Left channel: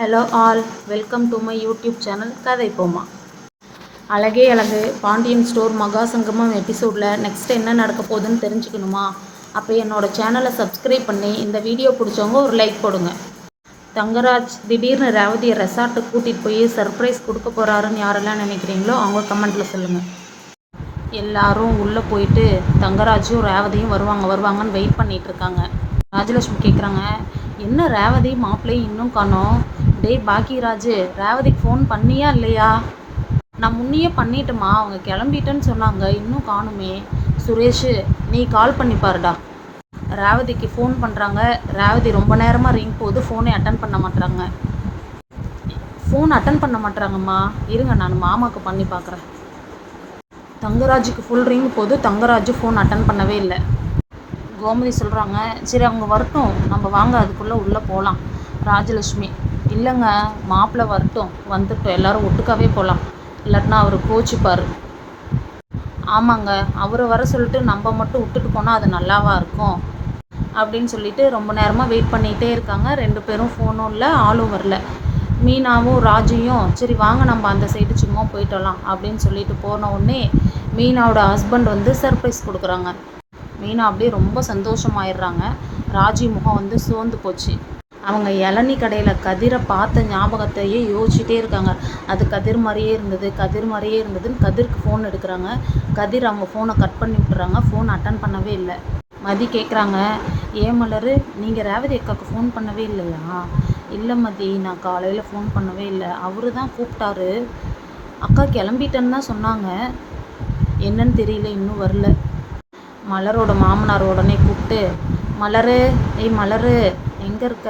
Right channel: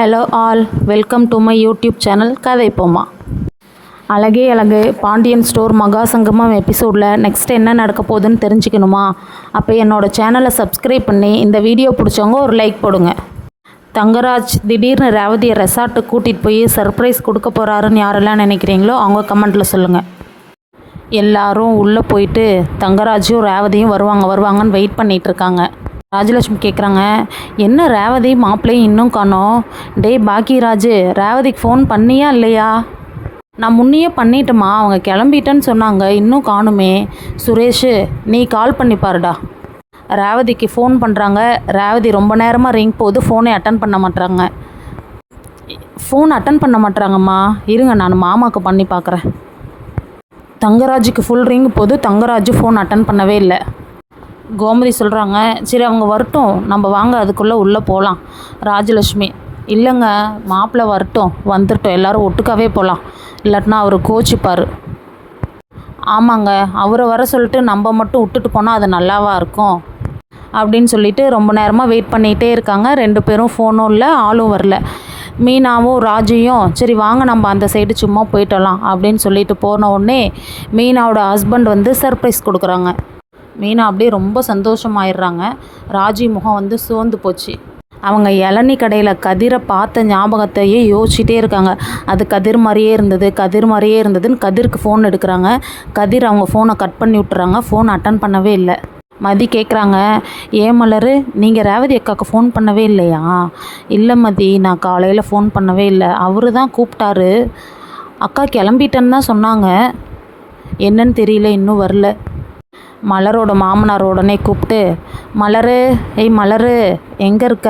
Hello all, welcome to my YouTube channel கதை போமா. அழகே அழகு பாண்டியன் ஸ்டோர் மகா சங்கமம் எபிசோடில் நெக்ஸ்ட் என்ன நடக்க போகுதுன்னு தெரிஞ்சுக்கணுமா? அப்போ என்னோடய சேனலை சப்ஸ்கிரைப் பண்ணி இந்த வீடியோ பிடிச்சவங்க ஒரு லைக் போடுங்க. தங்கராஜ் திடீர்னு ரேவதியை ரெசார்ட்டுக்கு கூட்டிகிட்டு போய் சர்ப்ரைஸ் கொடுக்க போகிறாருன்னு யாரெல்லாம் நினைக்கிறீங்களோ அவங்க கமெண்ட்டில் சொல்லுங்கள். எல்லாரும் உள்ளே போயிட்டு தங்கராஜும் ரேவதியும் வருவாங்கன்னு வெயிட் பண்ணிகிட்ருக்காங்க. ராஜலட்சுமி கேட்குறாங்க, என்ன ரேவதி மாப்பிள்ளையும் இன்னும் காணோம்? டேய் பாக்கியராஜு, ரேவதிக்கு ஃபோன் பண்ணியா இல்லையா? நான் முன்னையே பண்ணிட்டேம்மா, அவங்க கிளம்பிட்டேன்னு சொன்னாங்க, இன்னும் காணுமே. சுரேஷு, நீ கால் பண்ணி பாருடா. ரேவதிக்கு ஃபோன் பண்ணுறாங்க. ரேவதி ரொம்ப நேரமாக ரிங் போகுது, ஃபோனை அட்டன் பண்ண மாட்டாங்கம்மா. இருங்க, நான் மாமாவுக்கு பண்ணி பார்க்குறேன். தங்கராஜுக்கு ஃபுல் ரிங் போது, தங்கராஜு ஃபோன் அட்டன் பண்ணவே இல்லை. கோமதி சொல்கிறாங்க, சரி அவங்க வரட்டும், நம்ம வாங்க அதுக்குள்ளே உள்ளே போகலாம். ராஜலட்சுமி, இல்லைங்க, மாப்பிள்ளை வந்துட்டோம் எல்லோரும் ஒட்டுக்காவே போகலாம், இல்லாட்டினா அவர் கோச்சிப்பார். ஆமாங்க, அவரை வர சொல்லிட்டு நம்ம மட்டும் விட்டுட்டு போனால் அது நல்லாவா இருக்கும் அப்படின்னு சொல்லிட்டு ரொம்ப நேரமாக வெயிட் பண்ணிகிட்டே இருக்காங்க. 2 பேரும் ஃபோனும் இல்லை, ஆளும் வரல. மீனாவும் ராஜியும் சரி வாங்க நம்ம அந்த சைடு சும்மா போயிட்டலாம் அப்படின்னு சொல்லிட்டு போன உடனே மீனாவோட ஹஸ்பண்ட் சர்ப்ரைஸ் கொடுக்குறாங்க. மீனா அப்படியே ரொம்ப சந்தோஷமாயிடுறாங்க. ராஜி முகம் சோர்ந்து போச்சு. அவங்க இளநீ கடையில் கதிரை பார்த்த ஞாபகத்தையே யோசிச்சுட்டே இருக்காங்க. அது கதிர் மாதிரியே இருந்ததுன்னு கதிருக்கு ஃபோன் எடுக்கிறாங்க. கதிர் அவங்க ஃபோனை கட் பண்ணி விட்டுறாங்க. ஃபோன் அட்டன் பண்ணவே இல்லை. மதி கேட்குறாங்க, ஏன் மலர், நீங்கள் ரேவதி அக்காவுக்கு ஃபோன் பண்ணவே இல்லையா? இல்லை மதி, நான் காலையில் ஃபோன் பண்ணவே இல்லை. அவரு தான் கூப்பிட்டாரு. அக்கா கிளம்பிட்டேன்னு தான் சொன்னாங்க, என்னன்னு தெரியல, இன்னும் வரல. மலரோட மாமனார் உடனே கூப்பிட்டு, மலரு எங்கே இருக்க?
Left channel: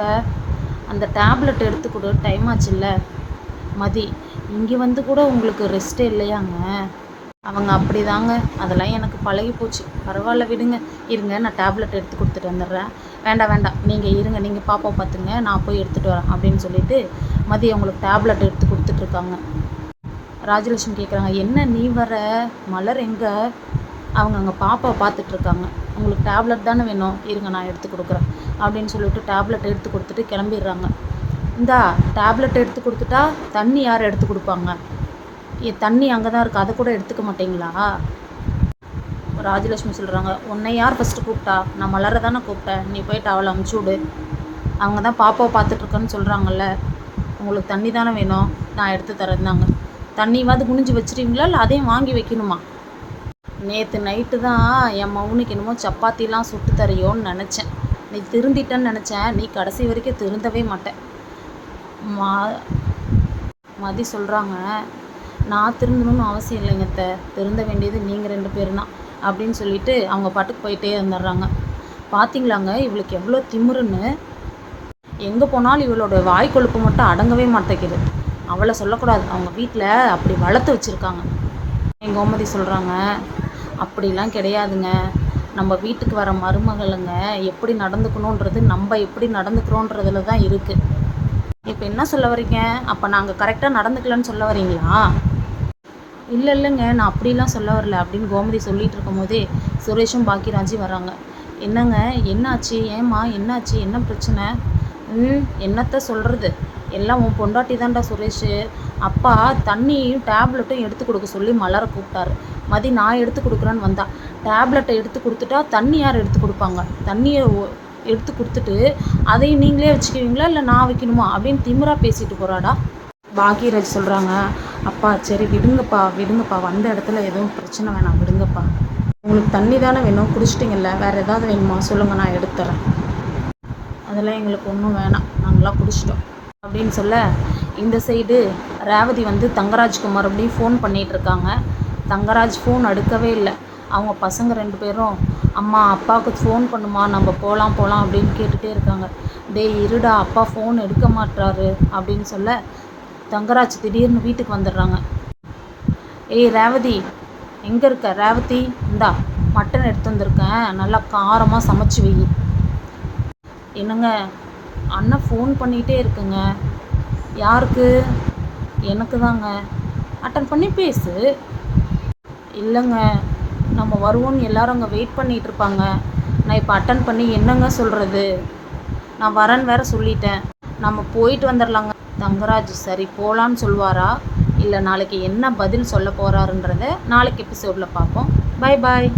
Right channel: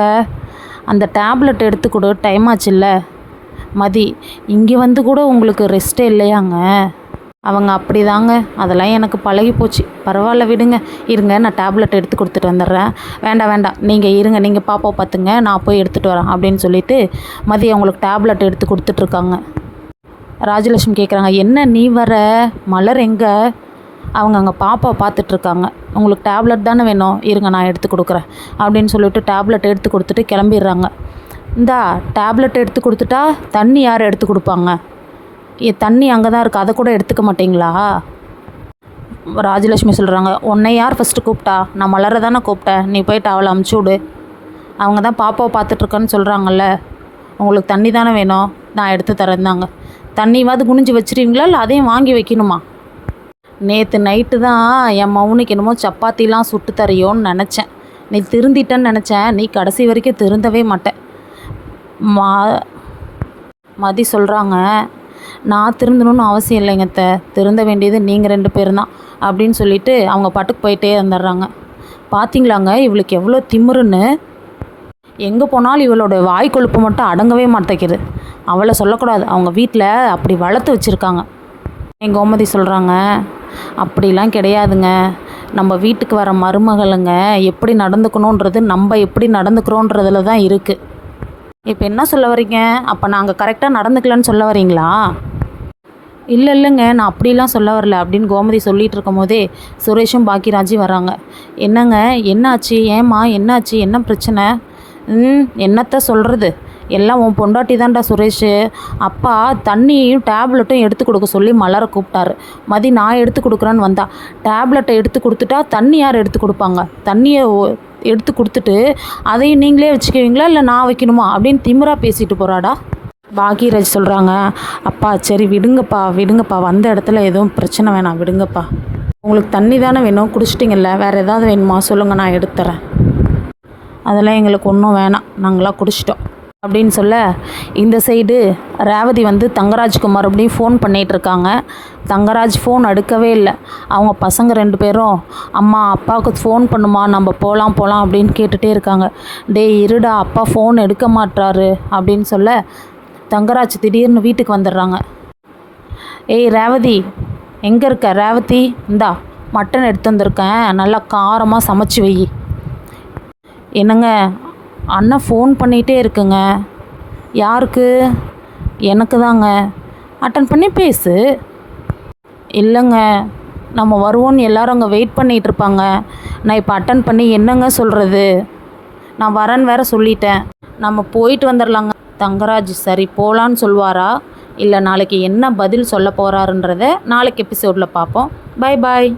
அந்த டேப்லெட் எடுத்து கொடு, டைம் ஆச்சுல்ல. மதி, இங்கே கூட உங்களுக்கு ரெஸ்ட்டே இல்லையாங்க? அவங்க அப்படி தாங்க, அதெல்லாம் எனக்கு பழகி போச்சு. பரவாயில்ல விடுங்க, இருங்க நான் டேப்லெட் எடுத்து கொடுத்துட்டு வந்துடுறேன். வேண்டாம் நீங்கள் இருங்க, நீங்கள் பாப்பா பார்த்துங்க, நான் போய் எடுத்துகிட்டு வரேன் அப்படின்னு சொல்லிட்டு மதி அவங்களுக்கு டேப்லெட் எடுத்து கொடுத்துட்ருக்காங்க. ராஜலட்சுமி கேட்குறாங்க, என்ன நீ வர? மலர் எங்கே? அவங்க அங்கே பாப்பா பார்த்துட்ருக்காங்க. உங்களுக்கு டேப்லெட் தானே வேணும், இருங்க நான் எடுத்து கொடுக்குறேன் அப்படின்னு சொல்லிட்டு டேப்லெட் எடுத்து கொடுத்துட்டு கிளம்பிடுறாங்க. இந்தா டேப்லெட் எடுத்து கொடுத்துட்டா தண்ணி யார் எடுத்து கொடுப்பாங்க? தண்ணி அங்கே தான் இருக்குது, அதை கூட எடுத்துக்க மாட்டிங்களா? ராஜலட்சுமி சொல்கிறாங்க, உன்னை யார் ஃபஸ்ட்டு கூப்பிட்டா? நான் மலரை தானே கூப்பிட்டேன், நீ போய்ட்டு அவளை அமுச்சு விடு. அவங்க தான் பாப்பாவை பார்த்துட்ருக்கேன்னு சொல்கிறாங்கல்ல, உங்களுக்கு தண்ணி தானே வேணும், நான் எடுத்து தரேந்தாங்க. தண்ணியாவது குனிஞ்சு வச்சுருவீங்களா இல்லை அதையும் வாங்கி வைக்கணுமா? நேற்று நைட்டு தான் என் மௌனிக்கு என்னமோ சப்பாத்திலாம் சுட்டு தரையோன்னு நினச்சேன். நீ திருந்திட்டேன்னு நினச்சேன், நீ கடைசி வரைக்கும் திருந்தவே மாட்டேன். மதி சொல்கிறாங்க, நான் திருந்தணும்னு அவசியம் இல்லைங்க அத்தை, திருந்த வேண்டியது நீங்கள் 2 பேரும் தான் அப்படின்னு சொல்லிட்டு அவங்க பாட்டுக்கு போயிட்டே வந்துடுறாங்க. பார்த்தீங்களாங்க இவளுக்கு எவ்வளோ திமிருன்னு. எங்கே போனாலும் இவளோட வாய் கொழுப்பு மட்டும் அடங்கவே மாட்டேங்குது. அவளை சொல்லக்கூடாது, அவங்க வீட்டில் அப்படி வளர்த்து வச்சுருக்காங்க. எங்கள் கோமதி சொல்கிறாங்க, அப்படிலாம் கிடையாதுங்க, நம்ம வீட்டுக்கு வர மருமகளுங்க எப்படி நடந்துக்கணுன்றது நம்ம எப்படி நடந்துக்கிறோன்றதுல தான் இருக்குது. இப்போ என்ன சொல்ல வரீங்க? அப்போ நாங்கள் கரெக்டாக நடந்துக்கலன்னு சொல்ல வரீங்களா? இல்லைங்க, நான் அப்படிலாம் சொல்ல வரல அப்படின்னு கோமதி சொல்லிகிட்டு இருக்கும் போதே சுரேஷும் பாக்கியராஜும் வராங்க. என்னங்க, என்னாச்சு? ஏம்மா என்னாச்சு? என்ன பிரச்சனை? என்னத்த சொல்கிறது, எல்லாம் உன் பொண்டாட்டி தான்டா சுரேஷ். அப்பா தண்ணியையும் டேப்லெட்டும் எடுத்து கொடுக்க சொல்லி மலரை கூப்பிட்டாரு. மதி நான் எடுத்து கொடுக்குறேன்னு வந்தா. டேப்லெட்டை எடுத்து கொடுத்துட்டா தண்ணி யார் எடுத்து கொடுப்பாங்க? தண்ணியை எடுத்து கொடுத்துட்டு அதையும் நீங்களே வச்சுக்குவீங்களா இல்லை நான் வைக்கணுமா அப்படின்னு திமிரா பேசிட்டு போகிறாடா. பாக்கியராஜ் சொல்கிறாங்க, அப்பா சரி விடுங்கப்பா, வந்த இடத்துல எதுவும் பிரச்சனை வேணாம், விடுங்கப்பா. உங்களுக்கு தண்ணி தானே வேணும், குடிச்சிட்டிங்கல்ல, வேறு ஏதாவது வேணுமா சொல்லுங்கள், நான் எடுத்துறேன். அதெல்லாம் எங்களுக்கு ஒன்றும் வேணாம், நாங்களாம் குடிச்சிட்டோம் அப்படின்னு சொல்ல, இந்த சைடு ரேவதி தங்கராஜுக்கு மறுபடியும் ஃபோன் பண்ணிகிட்ருக்காங்க. தங்கராஜ் ஃபோன் எடுக்கவே இல்லை. அவங்க பசங்க 2 பேரும், அம்மா அப்பாவுக்கு ஃபோன் பண்ணுமா, நம்ம போகலாம் அப்படின்னு கேட்டுகிட்டே இருக்காங்க. டேய் இருடா, அப்பா ஃபோன் எடுக்க மாட்டாரு அப்படின்னு சொல்ல, தங்கராஜ் திடீர்னு வீட்டுக்கு வந்துடுறாங்க. ஏய் ரேவதி, எங்கே இருக்க? ரேவதி, இந்தா மட்டன் எடுத்து வந்திருக்கேன், நல்லா காரமாக சமைச்சு வை. என்னங்க, அண்ணன் ஃபோன் பண்ணிகிட்டே இருக்குங்க. யாருக்கு? எனக்கு தாங்க. அட்டன் பண்ணி பேசு. இல்லைங்க, நம்ம வருவோன்னு எல்லோரும் அங்கே வெயிட் பண்ணிகிட்ருப்பாங்க. நான் இப்போ அட்டன் பண்ணி என்னங்க சொல்கிறது? நான் வரேன்னு வேறு சொல்லிட்டேன். நம்ம போயிட்டு வந்துடலாங்க. தங்கராஜ் சரி போகலான்னு சொல்வாரா, இல்லை நாளைக்கு என்ன பதில் சொல்ல போகிறாருன்றத நாளைக்கு எபிசோடில் பார்ப்போம். Bye bye.